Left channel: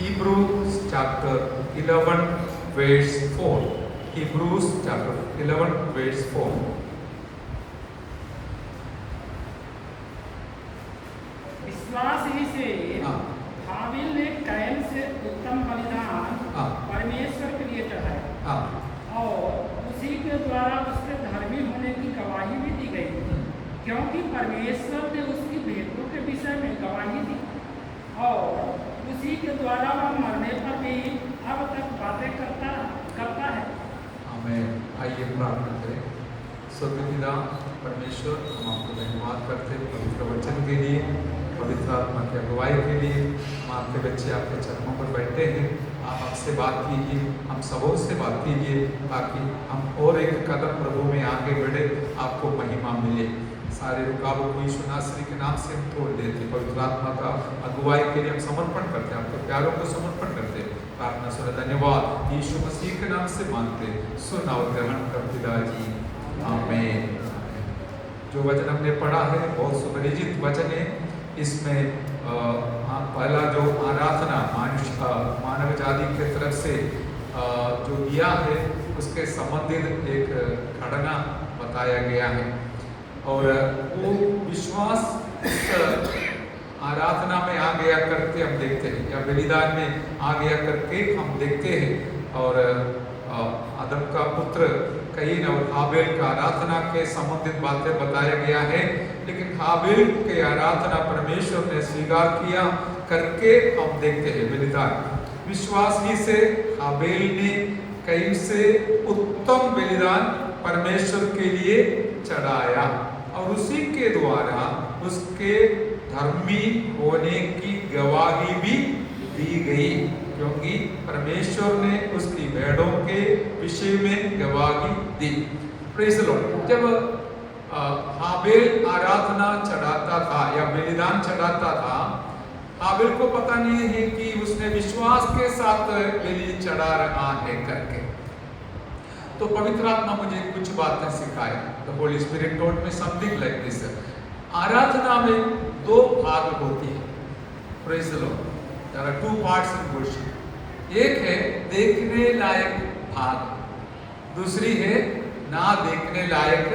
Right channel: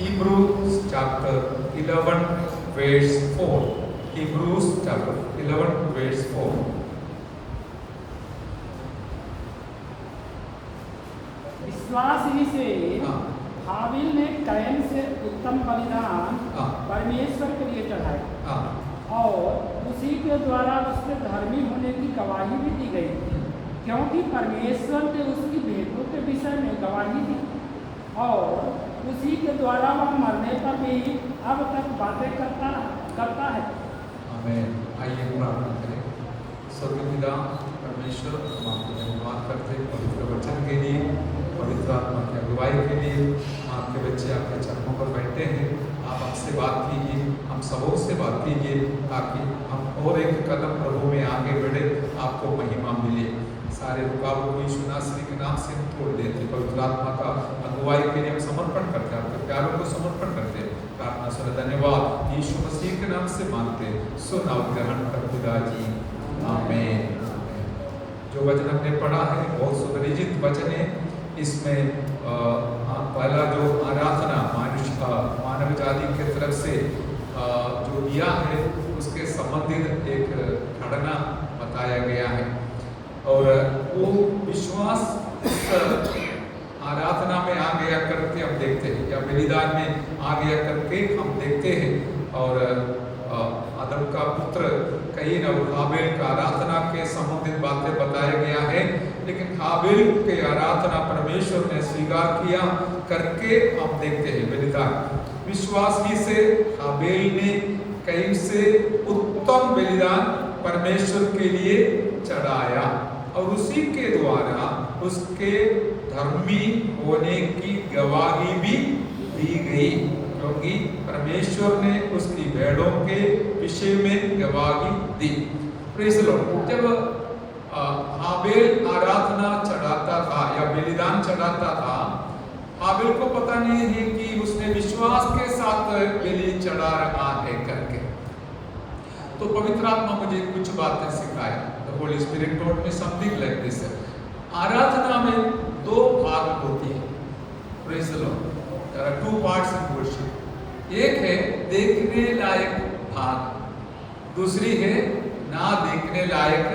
Hebrews chapter 11 verse 4. Hebrews chapter 11 verse 4. विश्वास ही से हाबिल ने कैन से उत्तम बलिदान परमेश्वर के लिए चढ़ाया और उसी के द्वारा उसके धर्मी होने की गवाही भी दी गई, क्योंकि परमेश्वर ने उसकी भेंटों के विषय में गवाही दी और उसी के द्वारा वह मरने पर भी अब तक बातें करता है। आमीन। आइए प्रार्थना करें। स्वर्गपिता परमेश्वर, हम आपको धन्यवाद करते हैं पवित्र वचन के लिए, पवित्र आत्मा की अगुवाई के लिए। आपके बच्चे आपके चरणों पर बैठे हैं, आप आपसे बात कीजिए, हम सबों से बात कीजिए, ताकि हम और एक कदम प्रभु में आगे बढ़े, आपको महिमा मिले। सारे रुकावट को यीशु नासरी के नाम से हम तोड़ देते, पवित्र आत्मा का अगुवाई के लिए हम समर्पण करते हैं, आपके प्यारों को समर्पण करते हैं। प्रार्थना सुन धन्यवाद यीशु मसीह के नाम से मांगते, सुन और ग्रहण कर पिताजी, आमीन। जो वचन हमने पढ़ा है बहुत सुपरिचित वचन है। इसमें पहला जो आराधना मानव जाति की तरफ से जो दिया है उसके संबंधित एक घटना बताया गया है, और वो विश्वास आराधना में आ गया करके हम देखते हैं, या बलिदान में आ गया करके हम देखते हैं। और आदम का पुत्र कईन और हाबिल का आराधना के संबंधित बातें बताया गया है, लेकिन हाबिल के आराधना परमेश्वर ने स्वीकार किया करके हम देखते हैं बलिदान। विश्वास ही से हाबिल ने कईन से उत्तम बलिदान परमेश्वर के लिए चढ़ाया, और उसी के द्वारा उसके धर्मी होने की गवाही भी दी गई, क्योंकि परमेश्वर ने उसकी भेड़ों के विषय में गवाही दी। Praise the Lord. जब हाबिल आराधना चढ़ाता था या बलिदान चढ़ाता था, हाबिल को पता नहीं है कि उसने विश्वास के साथ बलि चढ़ा रहा है करके। तो पवित्र आत्मा मुझे कुछ बातें सिखाई। The Holy Spirit taught me something like this. आराधना में दो भाग होती है। Praise the Lord. There are two parts in worship. एक है देखने लायक भाग, दूसरी है ना देखने लायक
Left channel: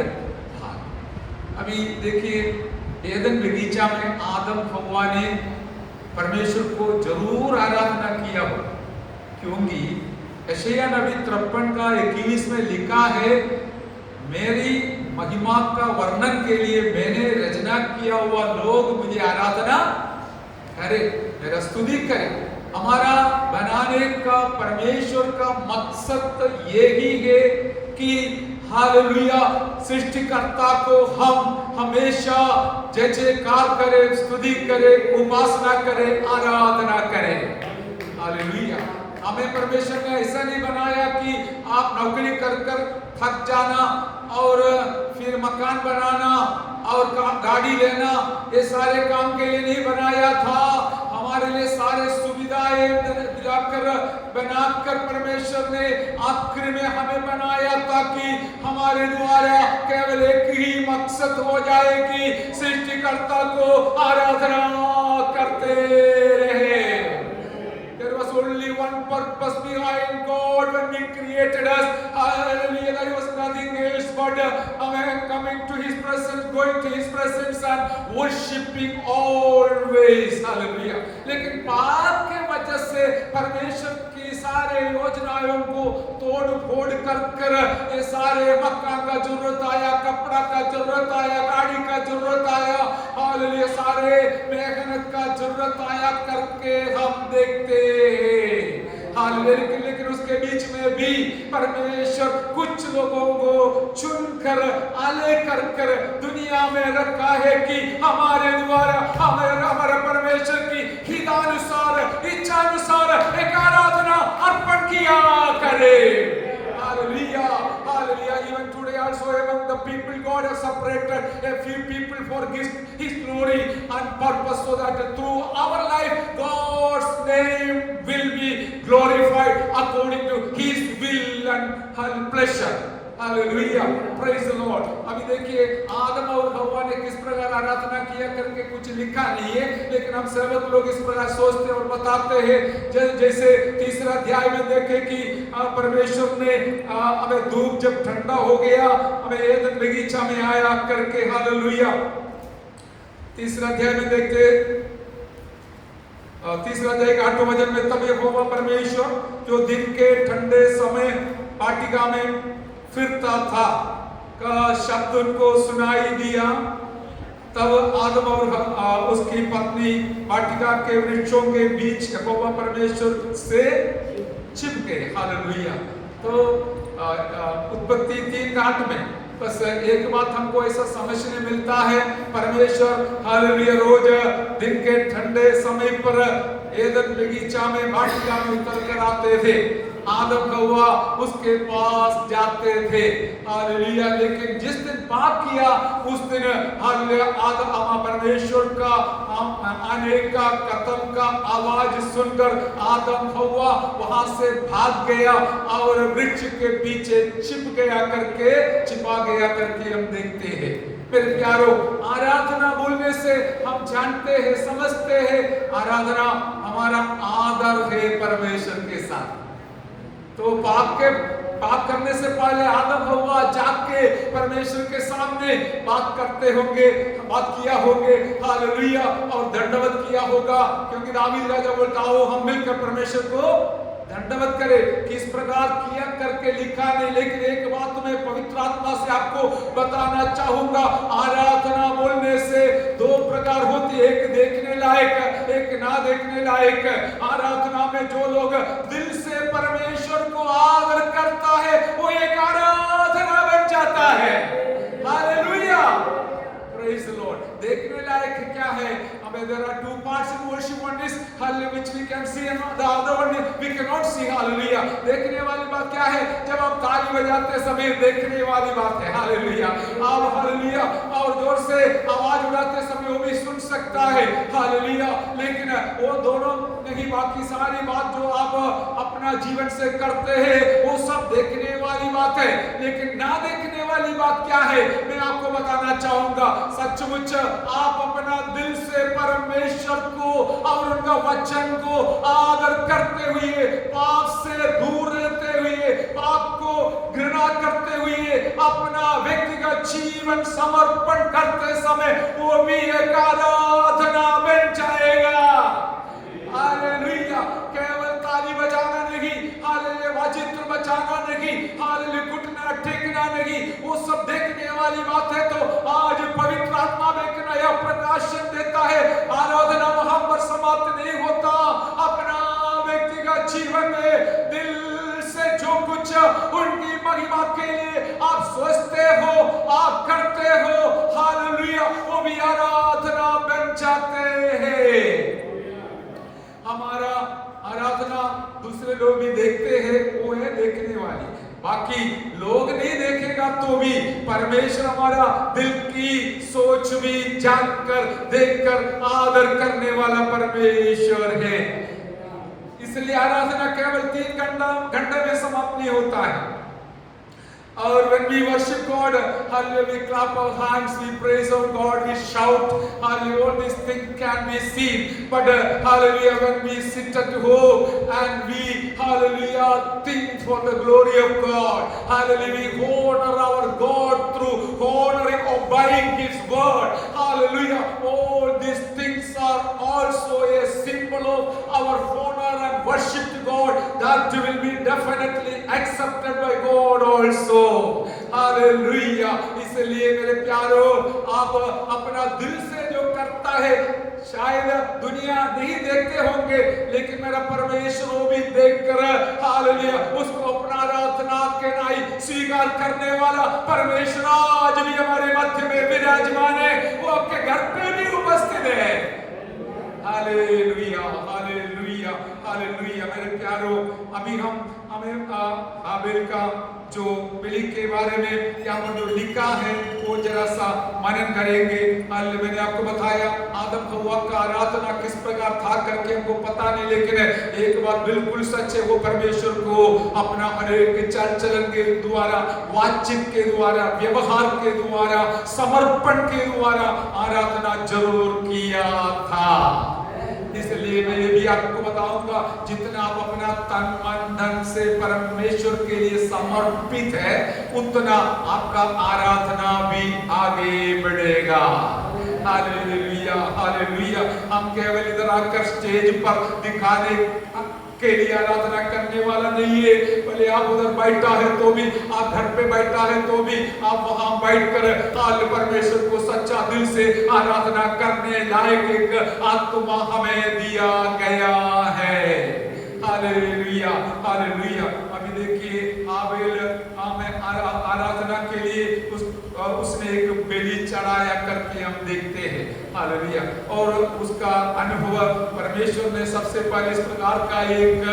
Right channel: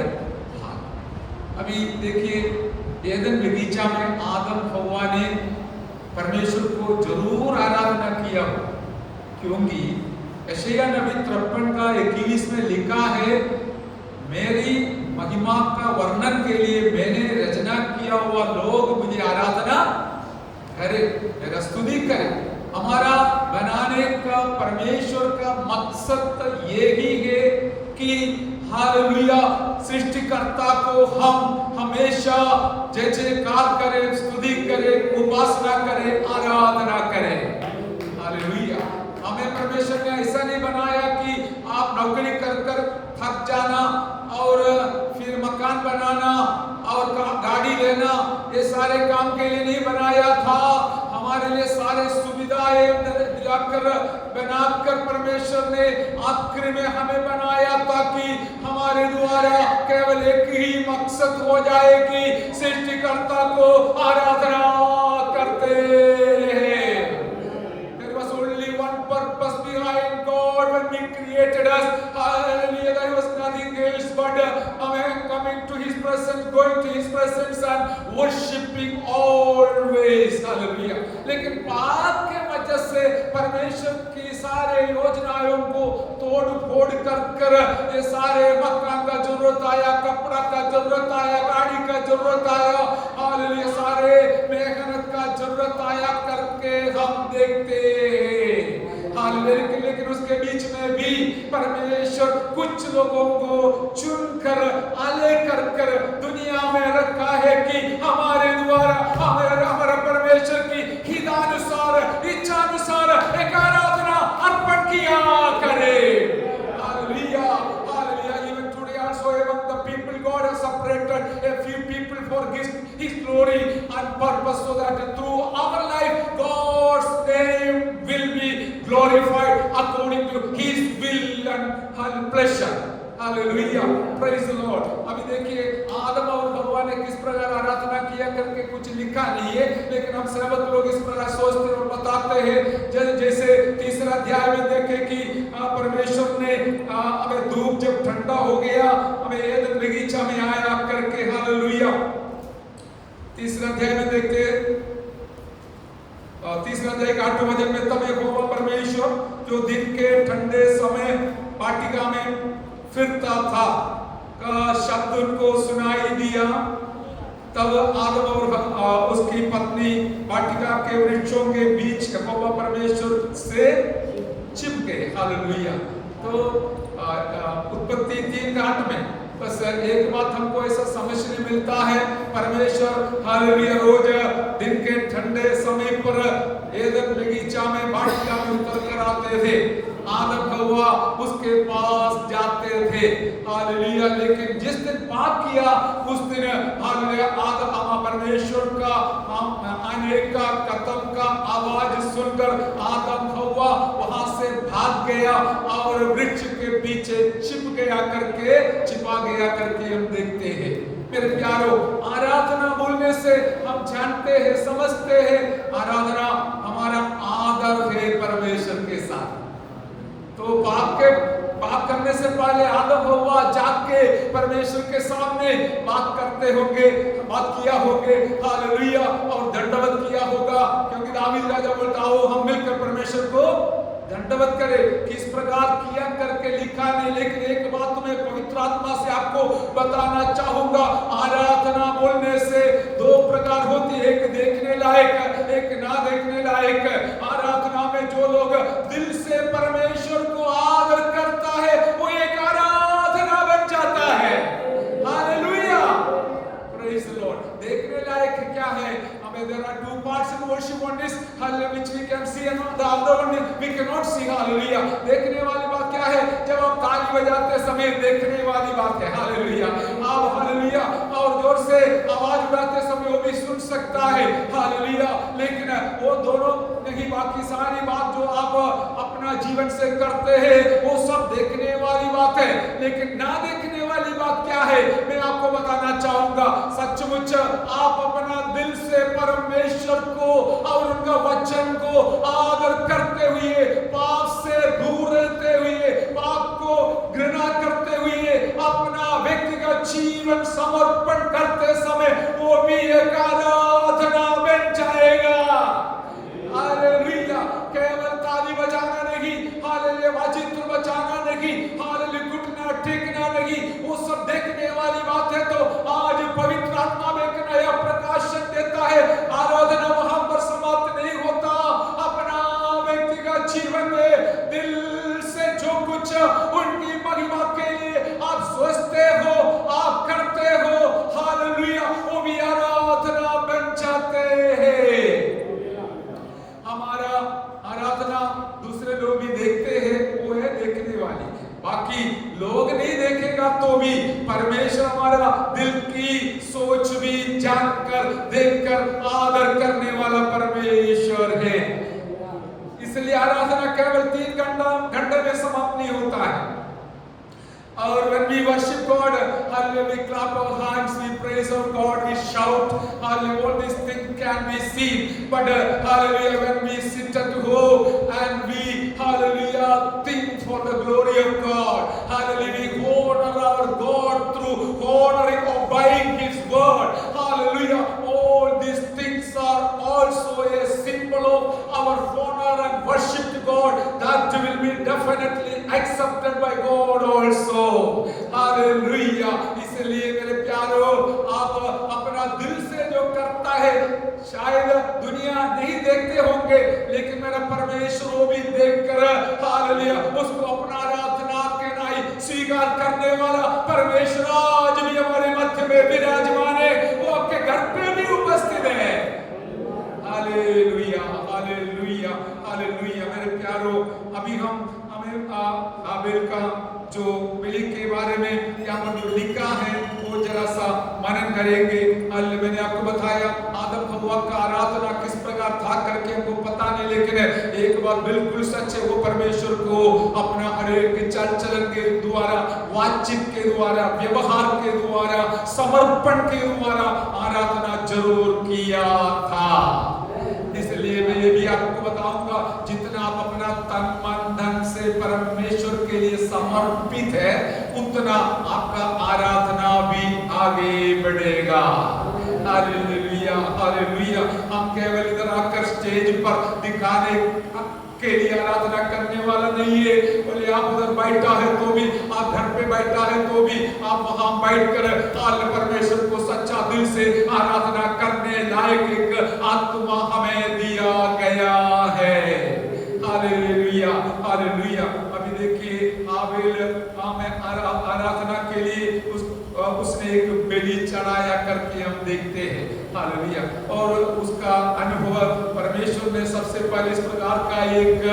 भाग। अभी देखिए, एदन बगीचा में आदम हव्वा ने परमेश्वर को जरूर आराधना किया हो, क्योंकि यशायाह नबी 53 का 21 में लिखा है, मेरी महिमा का वर्णन के लिए मैंने रचना किया हुआ लोग मुझे आराधना करे, मेरा स्तुति करे। हमारा बनाने का परमेश्वर का मकसद यही है कि हालेलुया, सृष्टिकर्ता को हम हमेशा जय जयकार करें, स्तुति करें, उपासना करें, आराधना करें। हालेलुया। हमें परमेश्वर ने ऐसा नहीं बनाया कि आप नौकरी कर कर थक जाना और फिर मकान बनाना और गाड़ी लेना, ये सारे काम के लिए नहीं बनाया था। हमारे लिए सारे सुविधाएं दिलाकर बनाकर परमेश्वर ने आखिर में हमें बनाया, ताकि हमारे द्वारा केवल एक ही मकसद हो जाए कि सृष्टिकर्ता को आराधना करते रहे। There was only one purpose behind God when He created us. Hallelujah. There was nothing else but coming to His presence, going to His presence and worshiping always. Hallelujah. लेकिन पाप के वजह से परमेश्वर की सारे योजनाओं को तोड़ फोड़ कर ये सारे मकान का जरूरत आया, कपड़ा का जरूरत आया, गाड़ी का जरूरत आया, हालेलुया, सारे मेहनत का जरूरत आया करके हम देखते हैं। हालेलुया। लेकिन उसके बीच में भी परमेश्वर कुछ लोगों को चुनकर आले कर दुनिया में रखा है कि हमारे द्वारा हमारा परमेश्वर की हितानुसार, इच्छानुसार एक आराधना अर्पण किया करे। Hallelujah, hallelujah. Even today also among the people God has separated a few people for His glory and purpose, so that through our life God's name will be glorified according to His will and pleasure. Hallelujah. Praise the Lord. अभी देखिए आदम और हव्वा ने किस प्रकार आराधना किया करके कुछ लिखा नहीं है, लेकिन हम सर्वत्र लोग इस प्रकार सोचते और बताते हैं। जैसे तीसरा अध्याय में देखे कि परमेश्वर ने हमें धूप जब ठंडा हो गया हमें एदन बगीचा में आया करके, हालेलुया। तीसरा अध्याय में देखते, तीसरा अध्याय का 8वां वचन में, तब यहोवा परमेश्वर जो दिन के ठंडे समय वाटिका में फिरता था का शब्द उनको सुनाई दिया। तब आदम और उसकी पत्नी वाटिका के वृक्षों के बीच यहोवा परमेश्वर से छिप गए, हालेलुया। तो उत्पत्ति 3:8 में बस एक बात हमको ऐसा समझने मिलता है, परमेश्वर हालेलुया रोज दिन के ठंडे समय पर एदन बगीचा में वाटिका में उतर कर आते थे, आदम हव्वा उसके पास जाते थे, हालेलुया। लेकिन जिस दिन पाप किया उस दिन हालेलुया आदम परमेश्वर का आने का कदम का आवाज सुनकर आदम हव्वा वहां से भाग गया और वृक्ष के पीछे छिप गया करके, छिपा गया करके हम देखते हैं। मेरे प्यारो, आराधना बोलने से हम जानते हैं, समझते हैं, आराधना हमारा आदर है परमेश्वर के साथ। तो पाप करने से पहले आदम हव्वा जाग के परमेश्वर के सामने बात करते होंगे, बात किया होंगे, हालेलुया, और दंडवत किया होगा, क्योंकि दाऊद राजा बोलता हो हम मिलकर परमेश्वर को दंडवत करे। किस प्रकार किया करके लिखा नहीं, लेकिन एक बात मैं पवित्र आत्मा से आपको बताना चाहूंगा, आराधना बोलने से 2 प्रकार होती है, एक देखने लायक, एक ना देखने लायक। आराधना में जो लोग दिल से परमेश्वर को आदर करता है वो एक आराधना बन जाता है, हालेलुया, प्रेज द लॉर्ड। देखने लायक क्या है? There are 2 parts in worship. One is which we can see and the other one we cannot see, hallelujah. देखने वाली बात क्या है? जब आप ताली बजाते समय देखने वाली बात है, हालेलुया। आप हालेलुया और जोर से आवाज उठाते समय वो भी सुन सकता है, हालेलुया। लेकिन वो दोनों नहीं, बाकी सारी बात जो आप अपना जीवन से करते हैं वो सब देखने वाली बात है। लेकिन ना देखने वाली बात क्या है मैं आपको बताना चाहूंगा। सचमुच आप अपना दिल से परमेश्वर को और उनका वचन को आदर करते हुए, पाप से दूर रहते हुए, पाप को घृणा करते हुए अपना व्यक्तिगत जीवन समर्पण करते समय वो भी एक आराधना बन जाएगा, हालेलुया। केवल ताली बजाना नहीं, हालेलुया, वाजित्र बजाना नहीं, हालेलुया, घुटना टेकना नहीं, वो सब देखने वाली बात है। तो आज पवित्र आत्मा में एक नया प्रकाशन देता है। आराधना वहां पर समाप्त नहीं होता, अपना व्यक्तिगत जीवन में दिल से जो कुछ उनकी महिमा के लिए आप सोचते हो, आप करते हो, हालेलुया, वो भी आराधना बन जाते हैं। हमारा आराधना दूसरे लोग भी देखते हैं, वो है देखने वाली। बाकी लोग नहीं देखेगा तो भी परमेश्वर हमारा दिल की सोच भी जानकर, देखकर आदर करने वाला परमेश्वर है। इसलिए आराधना केवल 3 घंटे में समाप्त नहीं होता है। और when we worship God, hallelujah, we clap our hands, we praise our God, we shout, hallelujah, all these things can be seen. But hallelujah, when we sit at home and we, hallelujah, think for the glory of God, hallelujah, we honor our God through honoring, obeying His word, hallelujah. All these things are also a symbol of our honor and worship to God that will be definitely accepted by God also. Hallelujah. इसलिए मेरे प्यारो, आप अपना दिल से जो करता है शायद दुनिया नहीं देखते होंगे, लेकिन मेरा परमेश्वर वो भी देखकर हालेलुया उसको अपना आराधना के नाई स्वीकार करने वाला परमेश्वर आज भी हमारे मध्य में विराजमान है, वो आपके घर पे भी उपस्थित है। Hallelujah, hallelujah, hallelujah. मेरे प्यारो, अभी हमें हाबिल का जो बिली के बारे में यहाँ पर जो लिखा है वो जरा थोड़ा सा मनन करेंगे। मैंने आपको बताया आदम हव्वा का आराधना किस प्रकार था करके हमको पता नहीं, लेकिन एक बात बिल्कुल सच है, वो परमेश्वर को अपना हर एक चाल चलन के द्वारा, बातचीत के द्वारा, व्यवहार के द्वारा, समर्पण के द्वारा आराधना जरूर किया था। इसलिए मैं ये भी आपको बताऊंगा, जितना आप अपना तन मन धन से परमेश्वर के लिए समर्पित है, उतना आपका आराधना भी आगे बढ़ेगा। Hallelujah, hallelujah. हम केवल इधर आकर स्टेज पर दिखाने के लिए आराधना करने वाला नहीं है। बोले आप उधर बैठा है तो भी, आप घर पे बैठा है तो भी, आप वहां बैठकर परमेश्वर को सच्चा दिल से आराधना करने लायक एक आत्मा हमें दिया गया है। Hallelujah, hallelujah. अभी देखिए हाबेल हमें आराधना के लिए उसने एक बलि चढ़ाया करके हम देखते हैं। हालेलुया। और उसका अनुभव परमेश्वर ने सबसे पहले इस प्रकार का एक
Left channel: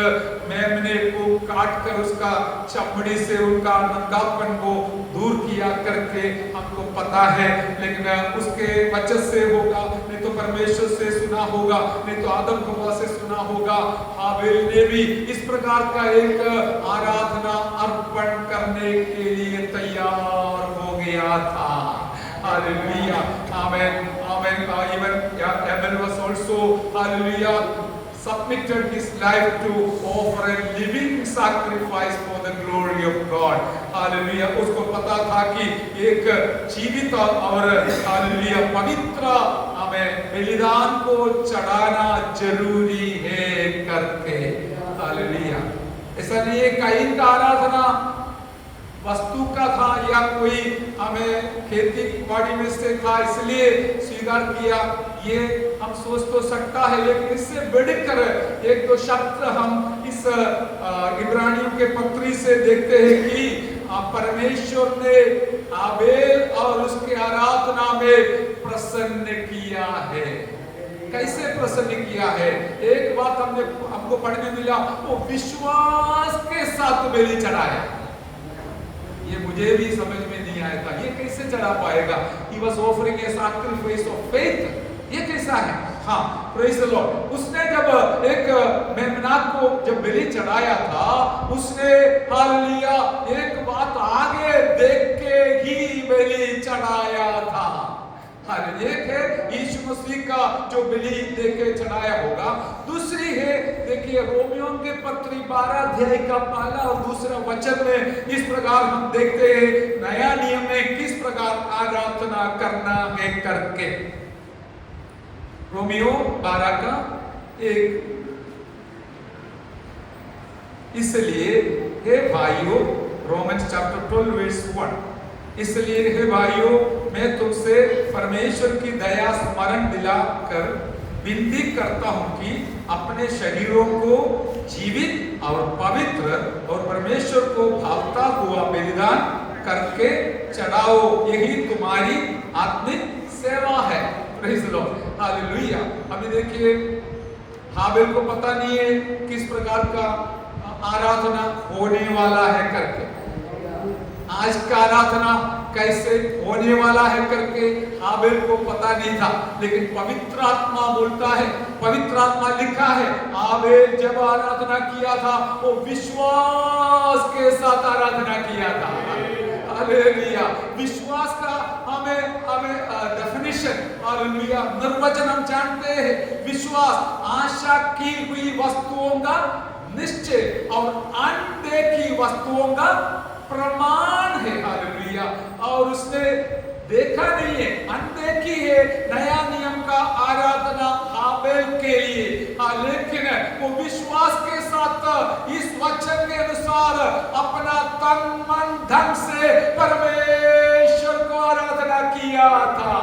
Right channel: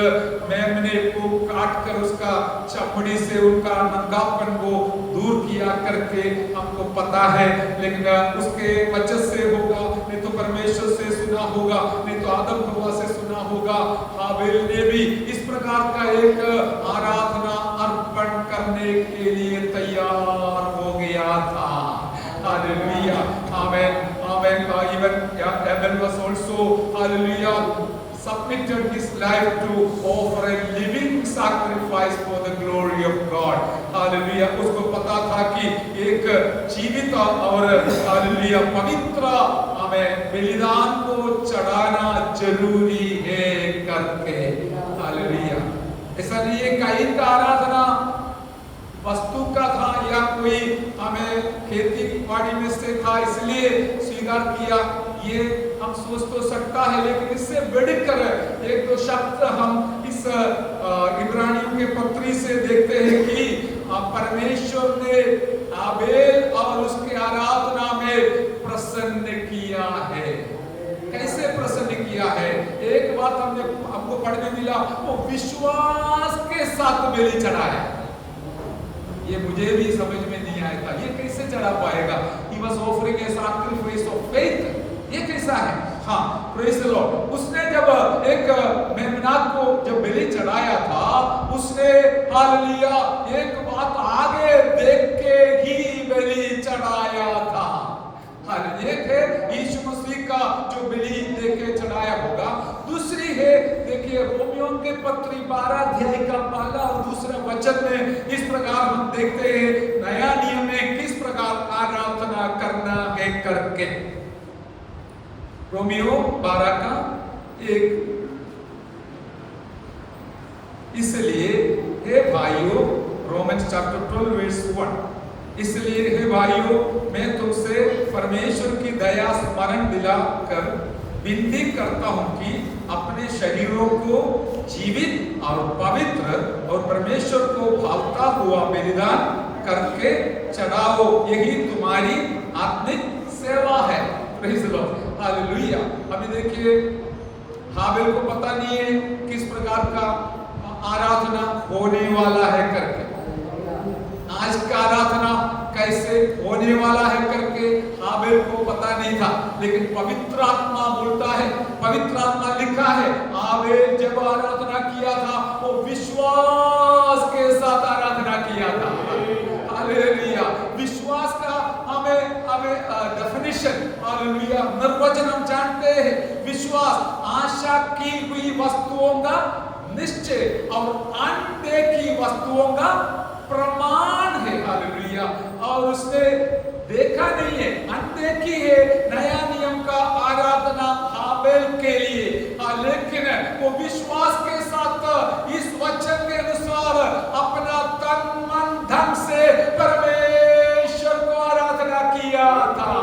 मेमने को काट कर उसका चमड़ी से उनका नंगापन को दूर किया करके हमको पता है, लेकिन उसके वचन से होगा, नहीं तो परमेश्वर से सुना होगा, नहीं तो आदम हव्वा से सुना होगा। हाबेल ने भी इस प्रकार का एक आराधना अर्पण करने के लिए तैयार हो गया था। Hallelujah, amen, amen. Even Abel was also, hallelujah, submitted his life to offer a living sacrifice for the glory of God. Hallelujah. उसको पता था कि एक जीवित और hallelujah पवित्र हमें बलिदान को चढ़ाना जरूरी है करके। Hallelujah. ऐसा नहीं है काइन का आराधना वस्तु का था या कोई हमें खेती बाड़ी में से था इसलिए स्वीकार किया, ये हम सोच तो सकता है, लेकिन इससे बढ़कर एक दो शब्द हम इस इब्रानियों के पत्री से देखते हैं कि परमेश्वर ने हाबेल और उसके आराधना में प्रसन्न किया है। कैसे प्रसन्न किया है? एक बात हमको पढ़ने मिला, वो विश्वास के साथ बलि चढ़ाया। ये मुझे भी समझ में नहीं आया था, ये कैसे चढ़ा पाएगा? He was offering a sacrifice of faith. ये कैसा है? हाँ, praise the Lord. उसने जब एक मेमना को जब बलि चढ़ाया था, उसने हालेलुया एक बात आगे देख के ही बलि चढ़ाया था। एक है यीशु मसीह का जो बलि देके चढ़ाया होगा, दूसरी है देखिए रोमियो के पत्री 12 अध्याय का पहला और दूसरा वचन में इस प्रकार हम देखते हैं नया नियम में किस प्रकार आराधना करना है करके। रोमियो 12 का 1। इसलिए हे भाइयों, रोमन्स चैप्टर 12 वर्स 1, इसलिए हे भाइयों मैं तुमसे परमेश्वर की दया स्मरण दिलाकर विनती करता हूं कि अपने शरीरों को जीवित और पवित्र और परमेश्वर को भावता हुआ बलिदान करके चढ़ाओ, यही तुम्हारी आत्मिक सेवा है। Praise the Lord, hallelujah. अभी देखिए हाबेल को पता नहीं है किस प्रकार का आराधना होने वाला है करके, आज का आराधना कैसे होने वाला है करके हाबेल को पता नहीं था, लेकिन पवित्र आत्मा बोलता है, पवित्र आत्मा लिखा है हाबेल जब आराधना किया था वो विश्वास के साथ आराधना किया था। हालेलुया। विश्वास का हमें डेफिनेशन, हालेलुया, निर्वचन हम जानते हैं। विश्वास आशा की हुई वस्तुओं का निश्चय और अनदेखी वस्तुओं का प्रमाण है। हालेलुया। और उसने देखा नहीं है, अनदेखी है नया नियम का आराधना हाबेल के लिए, लेकिन वो विश्वास के साथ इस वचन के अनुसार अपना तन मन धन से परमेश्वर को आराधना किया था।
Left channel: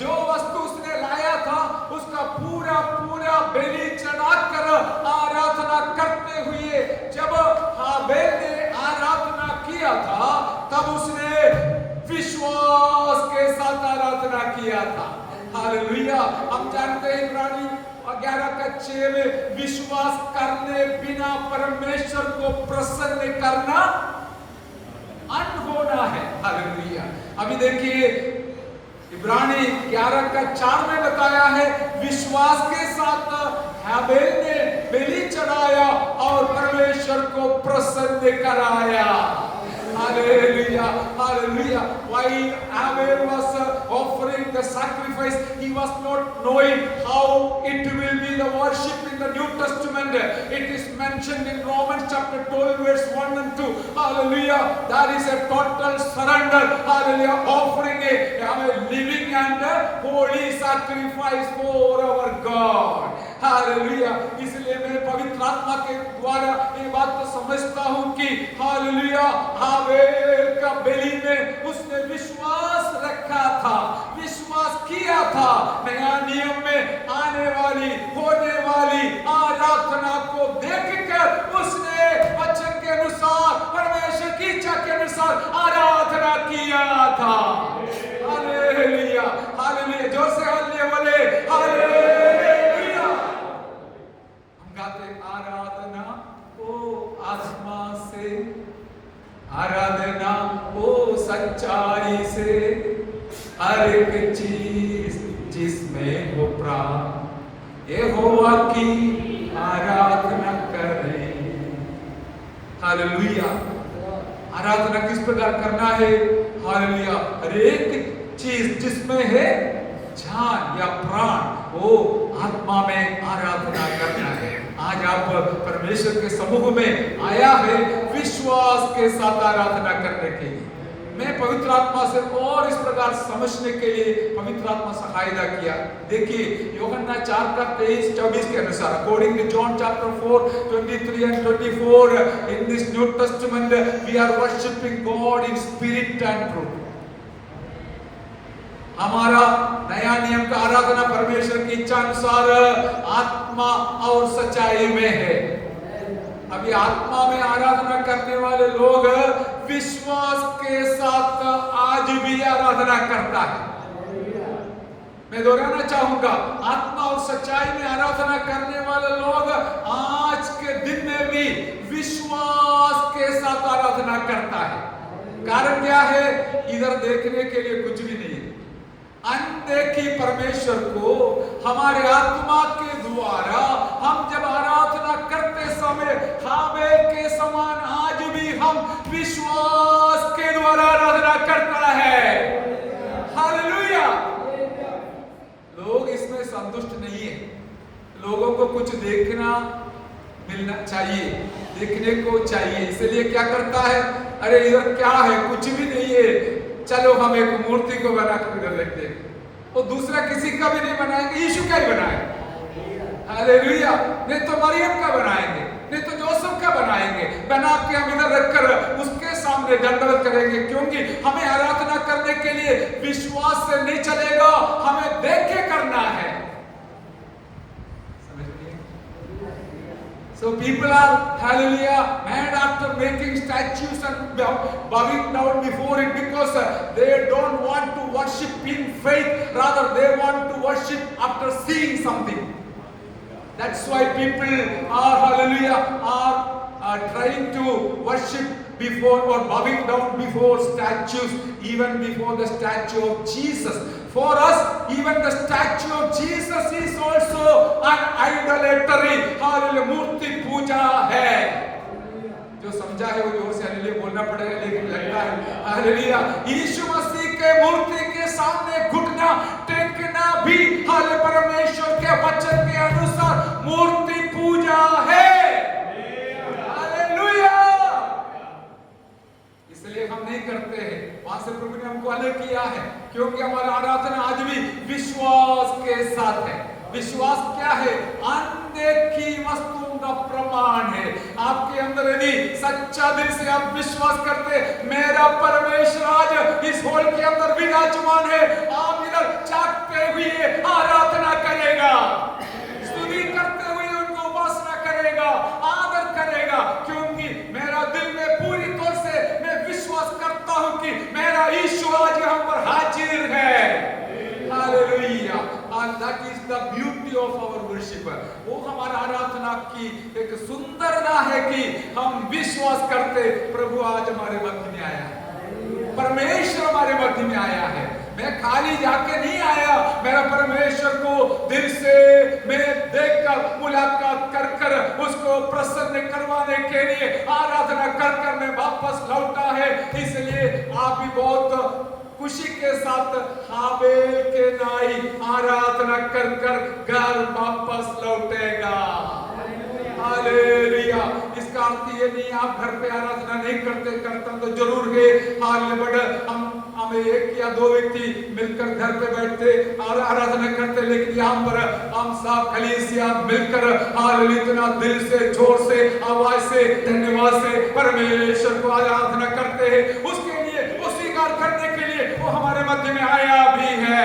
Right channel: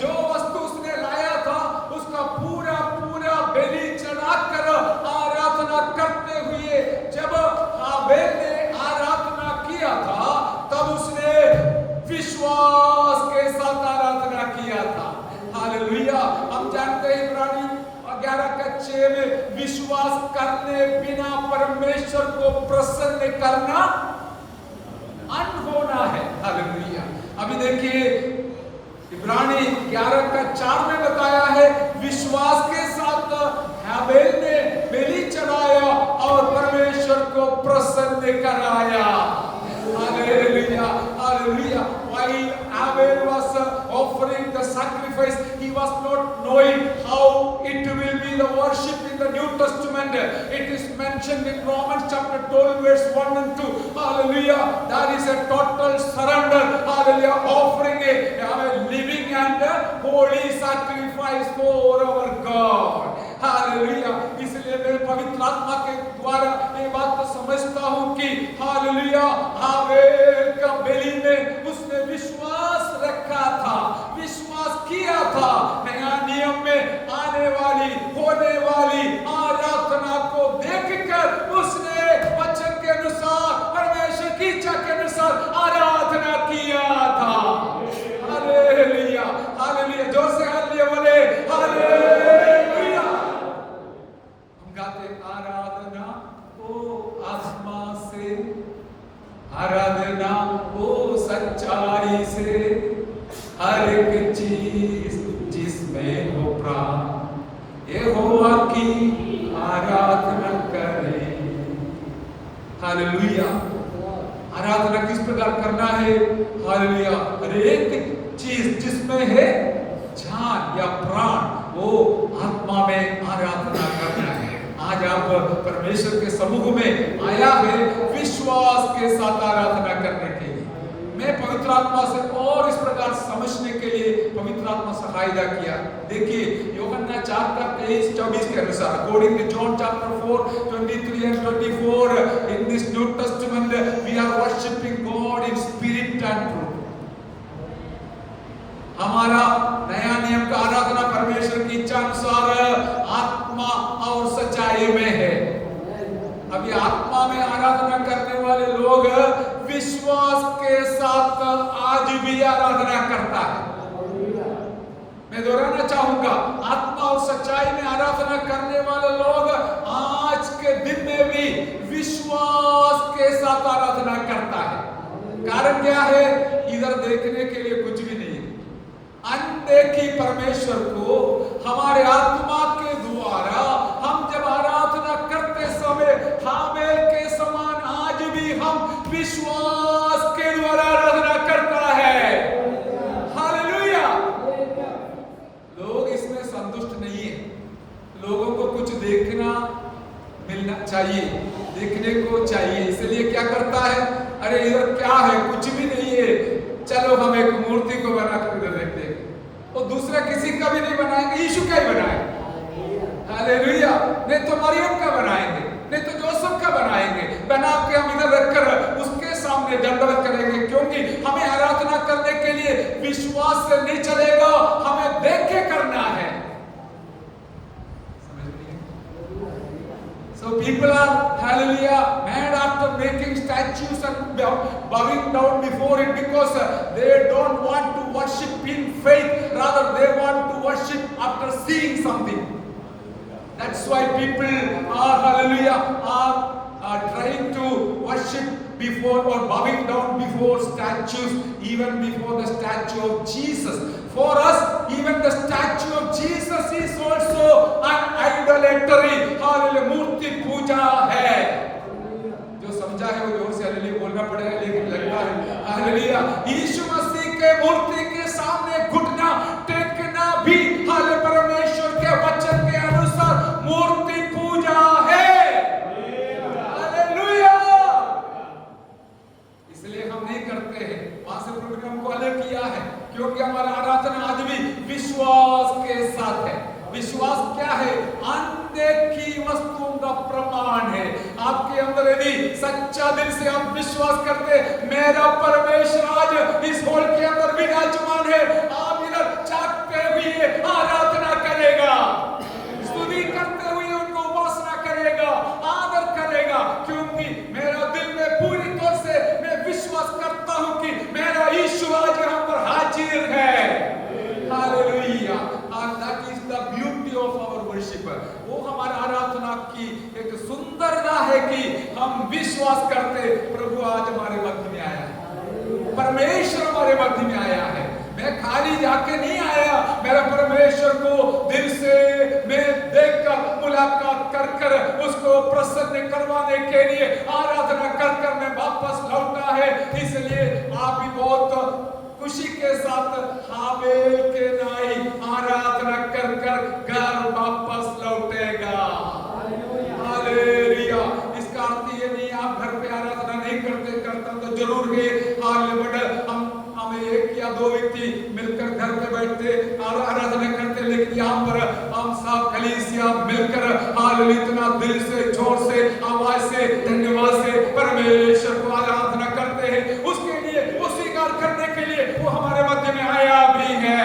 जो वस्तु उसने लाया था उसका पूरा पूरा बलि चढ़ाकर आराधना करते हुए जब हाबेल ने आराधना किया था तब उसने विश्वास के साथ आराधना किया था। हालेलुया। हम जानते हैं इब्रानी 11:6 में विश्वास करने बिना परमेश्वर को प्रसन्न करना अनहोना है। हालेलुया। अभी देखिए इब्रानी 11:4 में बताया है, विश्वास के साथ हाबेल ने बलि चढ़ाया और परमेश्वर को प्रसन्न कराया। Hallelujah, hallelujah. While Abel was offering the sacrifice, he was not knowing how it will be the worship in the New Testament. It is mentioned in Romans chapter 12 verse 1 and 2. Hallelujah. That is a total surrender. Hallelujah. Offering a living and a holy sacrifice for our God. Hallelujah. इसलिए मैं पवित्र आत्मा के द्वारा ये बात तो समझता हूँ कि हालेलुया हाबेल का बलि में उसने विश्वास रखा था, विश्वास किया था। नया नियम में आने वाली होने वाली आराधना को देखकर उसने वचन के अनुसार परमेश्वर की इच्छा के अनुसार आराधना किया था। Hallelujah, hallelujah. जोर से हालेलुया बोले, हालेलुया। आराधना ओ आत्मा से, आराधना ओ सच्चाई से, हर एक चीज जिसमें हो प्राण यहोवा की आराधना करें। हालेलुया। आराधना किस प्रकार करना है? हालेलुया। हर एक चीज जिसमें है जान या प्राण, वो आत्मा में आराधना करना है। आज आप परमेश्वर के समूह में आया है विश्वास के साथ आराधना करने के लिए। मैं पवित्र आत्मा से और इस प्रकार समझने के लिए पवित्र आत्मा सहायता किया। देखिए यूहन्ना 4:23-24 के अनुसार, according to John chapter 4:23 and 24, in this New Testament we are worshiping God in spirit and truth. हमारा नया नियम का आराधना परमेश्वर की इच्छा अनुसार आत्मा और सच्चाई में है। अभी आत्मा में आराधना करने वाले लोग विश्वास के साथ आज भी आराधना करता है। मैं दोहराना चाहूंगा, आत्मा और सच्चाई में आराधना करने वाले लोग आज के दिन में भी विश्वास के साथ आराधना करता है। कारण क्या है? इधर देखने के लिए कुछ भी नहीं है। अनदेखी परमेश्वर को हमारे आत्मा के द्वारा हम जब आराधना करते समय हाबेल के समान आज भी हम विश्वास के द्वारा आराधना करता है। हालेलुया। लोग इसमें संतुष्ट नहीं है। लोगों को कुछ देखना मिलना चाहिए, देखने को चाहिए। इसलिए क्या करता है? अरे इधर क्या है? कुछ भी नहीं है, चलो हम एक मूर्ति को बना कर इधर रखते हैं। और दूसरा किसी का भी नहीं बनाएंगे, यीशु का ही बनाएंगे। हालेलुया। नहीं तो मरियम का बनाएंगे, नहीं तो जोसेफ का बनाएंगे, बना के हम इधर रखकर उसके सामने दंडवत करेंगे। क्योंकि हमें आराधना करने के लिए विश्वास से नहीं चलेगा, हमें देख के करना है। So people are, hallelujah, mad after making statues and bowing down before it because they don't want to worship in faith, rather they want to worship after seeing something. That's why people are, hallelujah, are trying to worship before or bowing down before statues, even before the statue of Jesus. For us, even the statue of Jesus is also an idolatry. Hallelujah, मूर्ति पूजा है। जो समझा है वो जोर से hallelujah बोलना पड़ेगा, लेकिन लगता है हालेलुया यीशु मसीह के मूर्ति के सामने घुटना टेकना भी हालेलुया परमेश्वर के वचन के अनुसार मूर्ति पूजा है। हालेलुया। इसलिए हम नहीं करते हैं, वहां से प्रभु ने हमको अलग किया है, क्योंकि हमारा आराधना आज भी विश्वास के साथ है। विश्वास क्या है? अनदेखी वस्तुओं का प्रमाण है। आपके अंदर यदि सच्चा दिल से आप विश्वास करते मेरा परमेश्वर आज इस हॉल के अंदर विराजमान है, आप इधर जागते हुए आराधना करेगा, स्तुति करते हुए उनको उपासना करेगा, आदर करेगा। क्योंकि मेरा दिल में पूरी तौर से मैं विश्वास करता हूं कि मेरा यीशु आज यहाँ पर हाजिर है। Hallelujah. And that is the beauty of our worship. वो हमारा आराधना की एक सुंदरता है कि हम विश्वास करते प्रभु आज हमारे मध्य में आया। परमेश्वर हमारे मध्य में आया है। मैं खाली जाके नहीं आया, मेरा परमेश्वर को दिल से मैं देखकर मुलाकात कर कर उसको प्रसन्न करवाने के लिए आराधना कर कर मैं वापस लौटा है। इसलिए आप भी बहुत खुशी के साथ हाबेल के नाई आराधना कर कर घर वापस लौटेगा। हालेलुया। इसका अर्थ ये नहीं आप घर पे आराधना नहीं करता तो जरूर है हमें एक या दो व्यक्ति मिलकर घर पे बैठते और आराधना करते, लेकिन यहाँ पर हम सब कलीसिया मिलकर हालेलुया इतना दिल से जोर से आवाज से धन्यवाद से परमेश्वर को आराधना करते हैं। उसके लिए वो स्वीकार करने के लिए वो हमारे मध्य में आया भी है।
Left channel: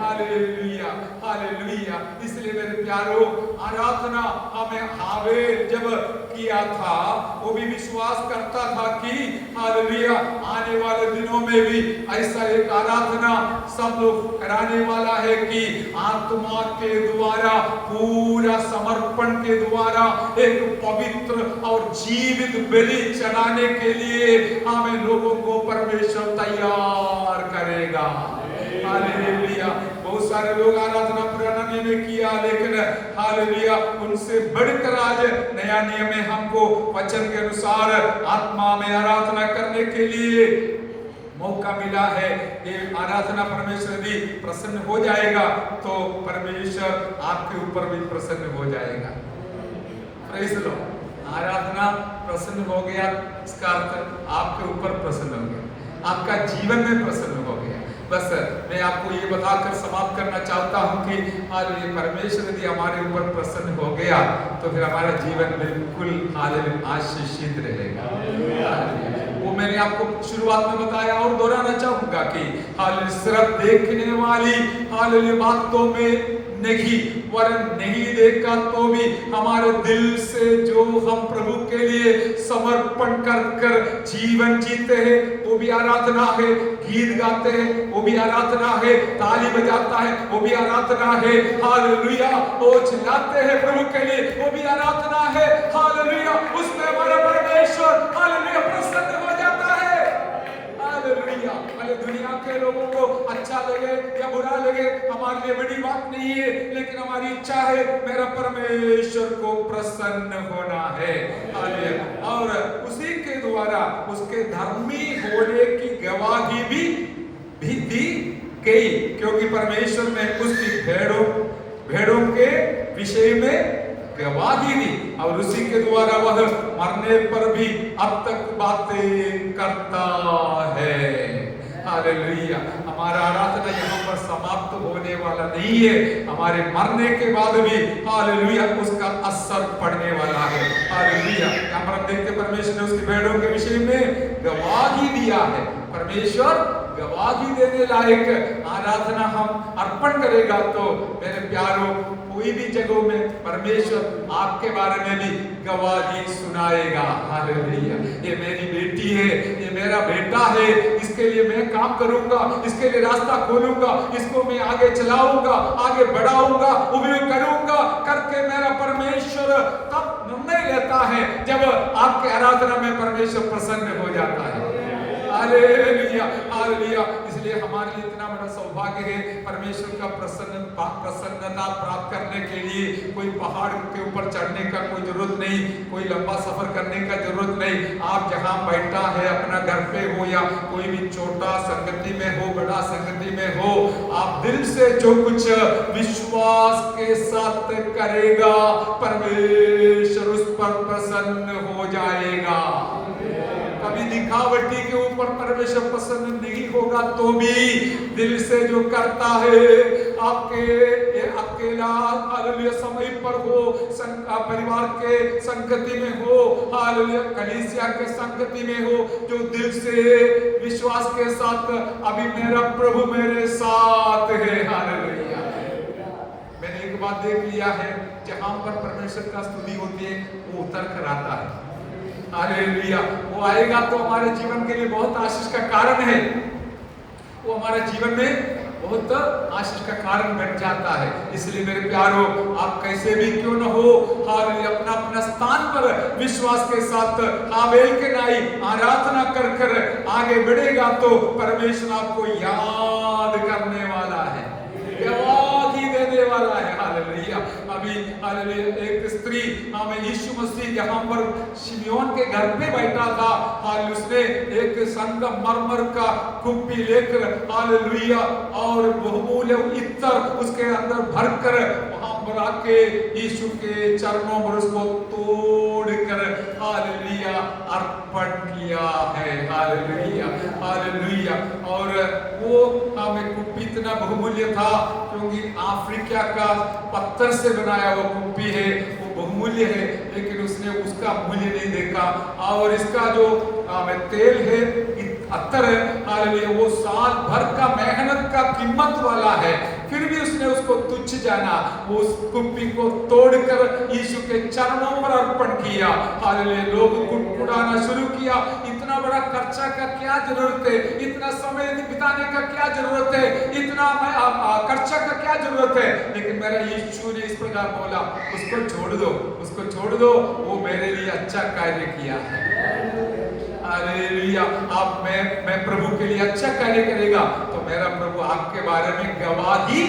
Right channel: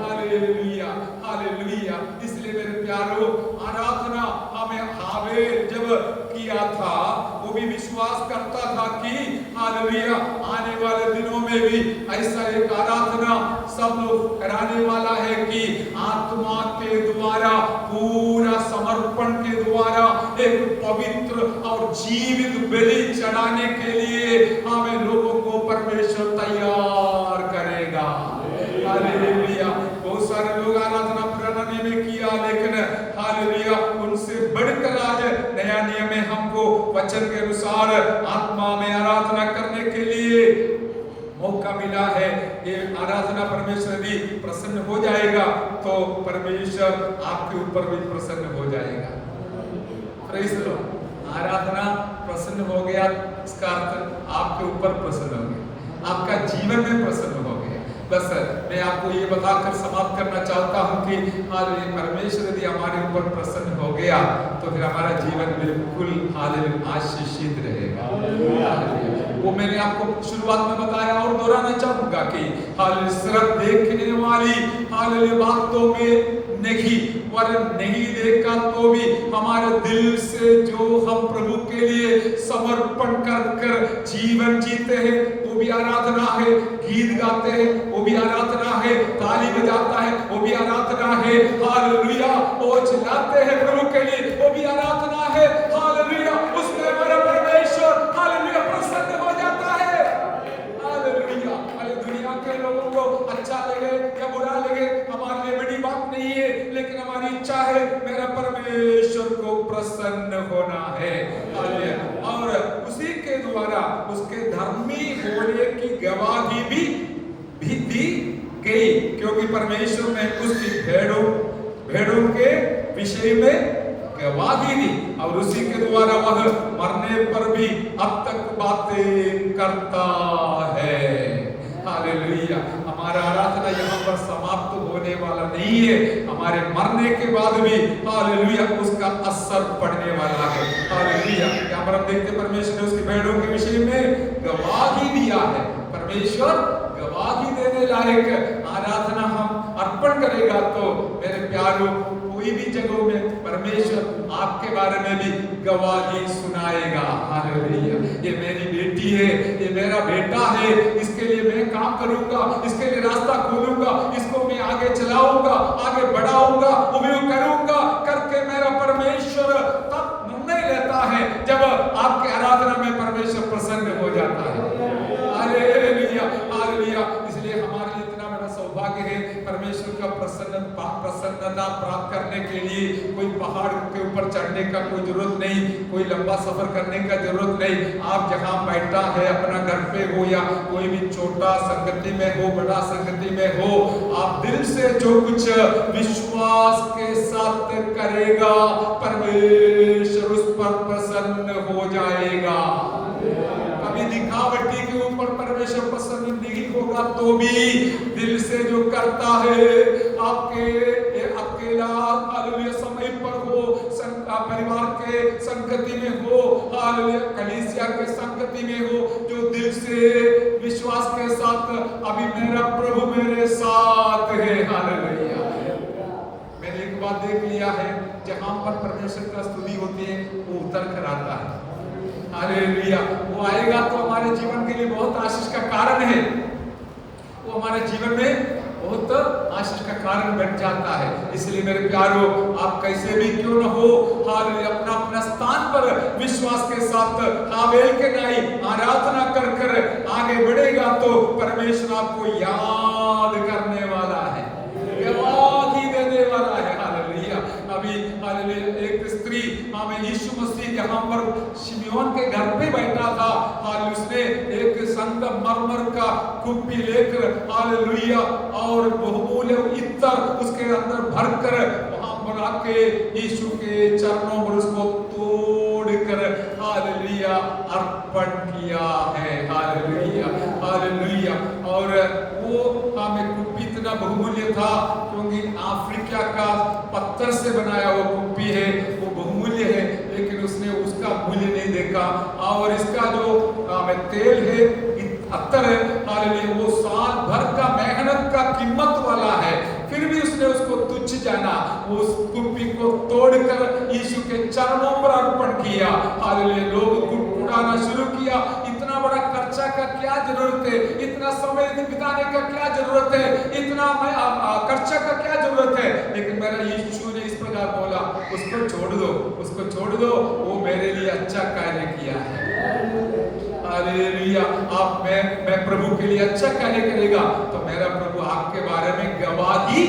Hallelujah hallelujah. इसलिए मेरे प्यारों आराधना हमें हाबेल जब किया था वो भी विश्वास करता था कि हालेलुया आने वाले दिनों में भी ऐसा एक आराधना सब लोग कराने वाला है कि आत्मा के द्वारा पूरा समर्पण के द्वारा एक पवित्र और जीवित बलि चढ़ाने के लिए हमें लोगों को परमेश्वर तैयार करेगा। हालेलुया। बहुत सारे लोग आराधना पुराने में किया, लेकिन हालेलुया उनसे बढ़कर आज नया नियम में हमको वचन के अनुसार आत्मा में आराधना करने के लिए मौका मिला है। ये आराधना परमेश्वर भी प्रसन्न हो जाएगा तो परमेश्वर आपके ऊपर भी प्रसन्न हो जाएगा। Praise the Lord. आराधना प्रसन्न हो गया, इसका अर्थ आपके ऊपर प्रसन्न हो गया, आपका जीवन में प्रसन्न हो गया। बस मैं आपको ये बताकर समाप्त करना चाहता हूँ कि हालेलुया परमेश्वर यदि हमारे ऊपर प्रसन्न हो गया तो फिर हमारा जीवन बिल्कुल हालेलुया आशीषित रहेगा। वो मैंने आपको शुरुआत में बताया और दोहराना चाहूंगा कि हालेलुया सिर्फ देखने वाली हालेलुया बातों में नहीं, वरन नहीं देखा तो भी हमारे दिल से जो हम प्रभु के लिए समर्पण कर कर जीवन जीते हैं वो भी आराधना है। गीत गाते हैं वो भी आराधना है, ताली बजाता है वो भी आराधना है। हालेलुया। वो चिल्लाते हैं प्रभु के लिए वो भी आराधना है। हालेलुया। उसमें हमारा परमेश्वर हालेलुया प्रसन्न हो जाता है। हालेलुया। भले दुनिया के लोगों को अच्छा लगे या बुरा लगे हमारे लिए बड़ी बात नहीं है, लेकिन हमारी इच्छा है मेरा परमेश्वर को प्रसन्न होना है। और उसी के द्वारा उसके धर्मी होने की गवाही भी दी गई, क्योंकि परमेश्वर ने उसकी भेड़ों के विषय में गवाही दी और उसी के द्वारा वह मरने पर भी अब तक बातें करता है। हालेलुया। हमारा आराधना यहाँ पर समाप्त होने वाला नहीं है, हमारे मरने के बाद भी हालेलुया उसका असर पड़ने वाला है। हालेलुया। यहाँ पर हम देखते परमेश्वर ने उसकी भेड़ों के विषय में गवाही दिया है। परमेश्वर गवाही देने लायक आराधना हम अर्पण करेगा तो मेरे प्यारों कोई भी जगहों में परमेश्वर आपके बारे में भी गवाही सुनाएगा। हालेलुया। ये मेरी बेटी है, ये मेरा बेटा है, इसके लिए मैं काम करूंगा, इसके लिए रास्ता खोलूंगा, इसको मैं आगे चलाऊंगा, आगे बढ़ाऊंगा, उपयोग करूंगा करके मेरा परमेश्वर तब निर्णय लेता है जब आपके आराधना में परमेश्वर प्रसन्न हो जाता है। Hallelujah hallelujah. इसलिए हमारे लिए इतना बड़ा सौभाग्य है परमेश्वर का प्रसन्नता प्राप्त करने के लिए कोई पहाड़ के ऊपर चढ़ने का कोई जरूरत नहीं, कोई लंबा सफर करने का जरूरत नहीं। आप जहां बैठा है अपना घर पे हो या कोई भी छोटा संगति में हो बड़ा संगति में हो, आप दिल से जो कुछ विश्वास के साथ करेगा परमेश्वर उस पर प्रसन्न हो जाएगा। कभी दिखावटी के ऊपर परमेश्वर प्रसन्न नहीं होगा तो भी दिल से जो करता है आपके अकेला हालेलुया समय पर हो, परिवार के संगति में हो, हालेलुया कलीसिया के संगति में हो, जो दिल से विश्वास के साथ अभी मेरा प्रभु मेरे साथ है। हालेलुया। मैंने एक बात देख लिया है, जहां पर परमेश्वर का स्तुति होती है वो उतर कर आता है। हालेलुया। वो आएगा तो हमारे जीवन के लिए बहुत आशीष का कारण है। वो हमारे जीवन में बहुत आशीष का कारण बन जाता है। इसलिए मेरे प्यारों, आप कैसे भी क्यों न हो, हालेलुया, अपना अपना स्थान पर विश्वास के साथ हाबेल के नाई आराधना कर कर आगे बढ़ेगा तो परमेश्वर आपको याद करने वाला है, गवाही देने वाला है। हालेलुया। अभी हालेलुया एक स्त्री हमें यीशु मसीह यहाँ पर शिमयोन के घर पे बैठा था, हालेलुया, उसने एक संगमरमर का कुप्पी लेकर हालेलुया और बहुमूल्य इत्तर उसके अंदर भरकर वहां पर आके यीशु के चरणों पर उसको तोड़कर हालेलुया अर्पण किया है। Hallelujah, hallelujah. और वो हमें कुप्पी इतना बहुमूल्य था क्योंकि अफ्रीका का पत्थर से बनाया वो कुप्पी है, वो बहुमूल्य है, लेकिन उसने उसका मूल्य नहीं देखा। और इसका जो तेल है, अत्तर है, हालेलुया, वो साल भर का मेहनत का कीमत वाला है, फिर भी उसने उसको तुच्छ जाना, वो उस कुप्पी को तोड़कर यीशु के चरणों पर अर्पण किया। हालेलुया। लोग गुड़गुड़ाना शुरू किया, इतना बड़ा खर्चा का क्या जरूरत है, इतना समय बिताने का क्या जरूरत है, इतना खर्चा का क्या जरूरत है। लेकिन मेरा यीशु ने इस प्रकार बोला, उसको छोड़ दो, उसको छोड़ दो, वो मेरे लिए अच्छा कार्य किया है। हालेलुया। आप मैं प्रभु के लिए अच्छा कार्य करेगा तो मेरा प्रभु आपके बारे में गवाही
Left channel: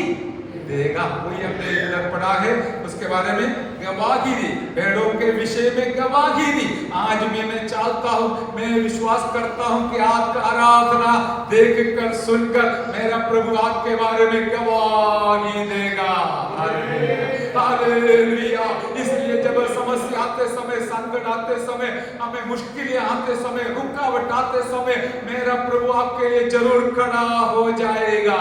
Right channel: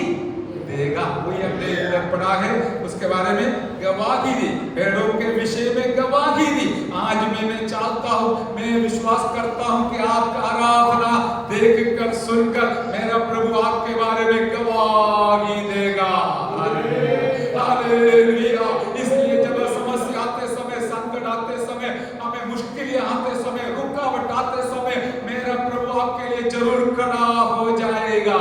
देगा। वही हमने इधर पढ़ा है, उसके बारे में गवाही दी, भेड़ों के विषय में गवाही दी। आज मैं चाहता हूँ, मैं विश्वास करता हूँ कि आपका आराधना देखकर सुनकर मेरा प्रभु आपके बारे में गवाही देगा। हालेलुया। इसलिए जब समस्या आते समय, संकट आते समय, हमें मुश्किलें आते समय, रुकावट आते समय, मेरा प्रभु आपके लिए जरूर खड़ा हो जाएगा।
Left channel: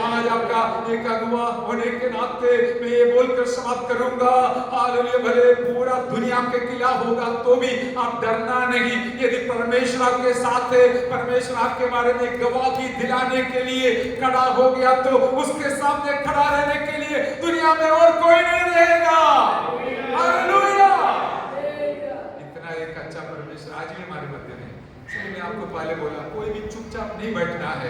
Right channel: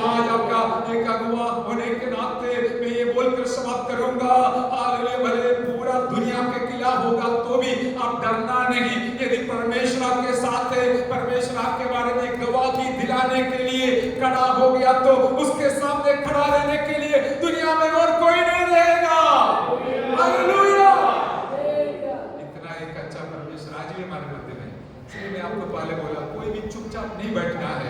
आज आपका एक अगुवा होने के नाते मैं ये बोलकर समाप्त करूंगा, हालेलुया, भले पूरा दुनिया के खिलाफ होगा तो भी आप डरना नहीं। यदि परमेश्वर आपके साथ है, परमेश्वर आपके बारे में गवाही दिलाने के लिए खड़ा हो गया तो उसके सामने खड़ा रहने के लिए दुनिया में और कोई नहीं रहेगा। हालेलुया। इतना एक अच्छा परमेश्वर आज भी हमारे मध्य में। इसलिए मैं आपको पहले बोला, कोई भी चुपचाप नहीं बैठना है,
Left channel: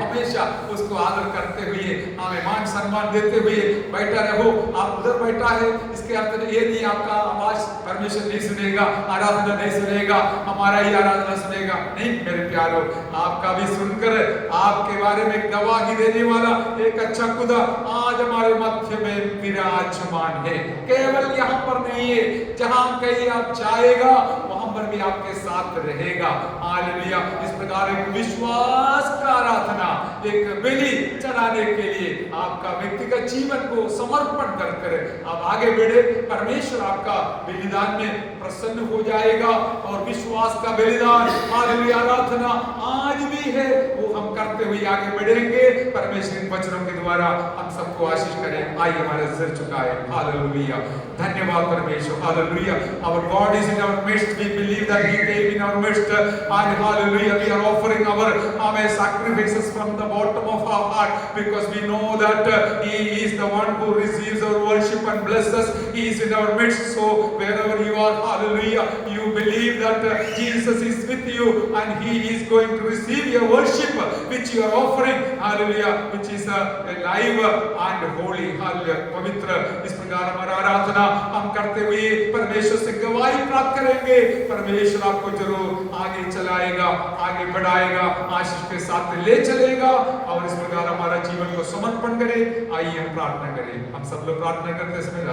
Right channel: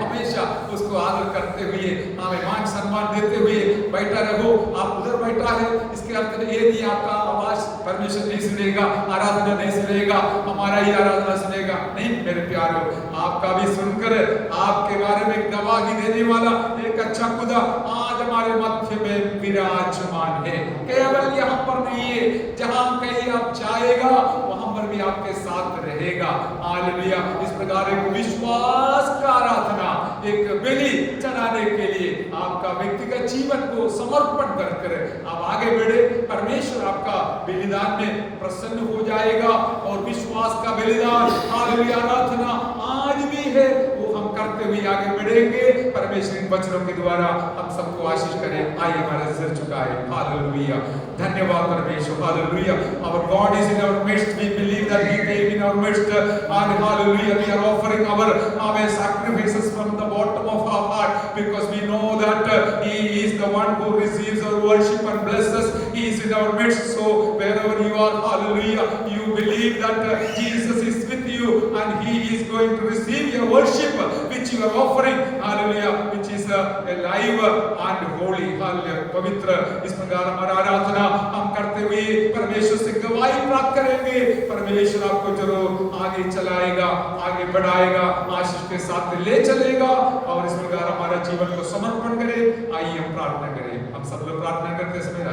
हमेशा उसको आदर करते हुए, हमें मान सम्मान देते हुए बैठा रहो। आप उधर बैठा है, इसके अर्थ ये नहीं आपका आवाज परमेश्वर नहीं सुनेगा, आराधना नहीं सुनेगा, हमारा ही आराधना सुनेगा, नहीं मेरे प्यारों, आपका भी सुनकर आपके बारे में गवाही देने वाला एक अच्छा खुदा आज हमारे मध्य में विराजमान है। केवल यहाँ पर नहीं है, जहाँ कहीं आप जाएगा वहां पर भी आपके साथ रहेगा। हालेलुया। इस प्रकार एक विश्वास का आराधना, एक बलि चढ़ाने के लिए आपका व्यक्तिगत जीवन को समर्पण कर आप आगे बढ़े, परमेश्वर आपका बलिदान में प्रसन्न हो जाएगा। और विश्वास का बलिदान, हालेलुया, आराधना आज भी है, वो हम करते हुए आगे बढ़ेंगे। परमेश्वर इन वचनों के द्वारा हम सबको आशीष करें। आइए हमारे सिर झुकाएं। हालेलुया। धन्यवाद परमेश्वर। Hallelujah. Our God is in our midst. We believe that He came in our midst, and hallelujah, we are offering our sacrifices from the bottom of our heart, because we know that He is the one who receives our worship and blesses. He is in our midst. So wherever you are, hallelujah, you believe that Jesus is with you and He is going to receive your worship which you are offering, hallelujah, which is live and holy, hallelujah, पवित्र। इस प्रकार हमारा आराधना हम करते हुए परमेश्वर से गवाही प्राप्त करेंगे। परमेश्वर आपको जरूर आगे चलाएगा, आगे बढ़ाएगा, आशीष के साथ ले चलेगा। और इस प्रकार हमारा जीवन को समर्पण करें। आइए हम प्रार्थना करें। हम सब लोग प्रार्थना करते समय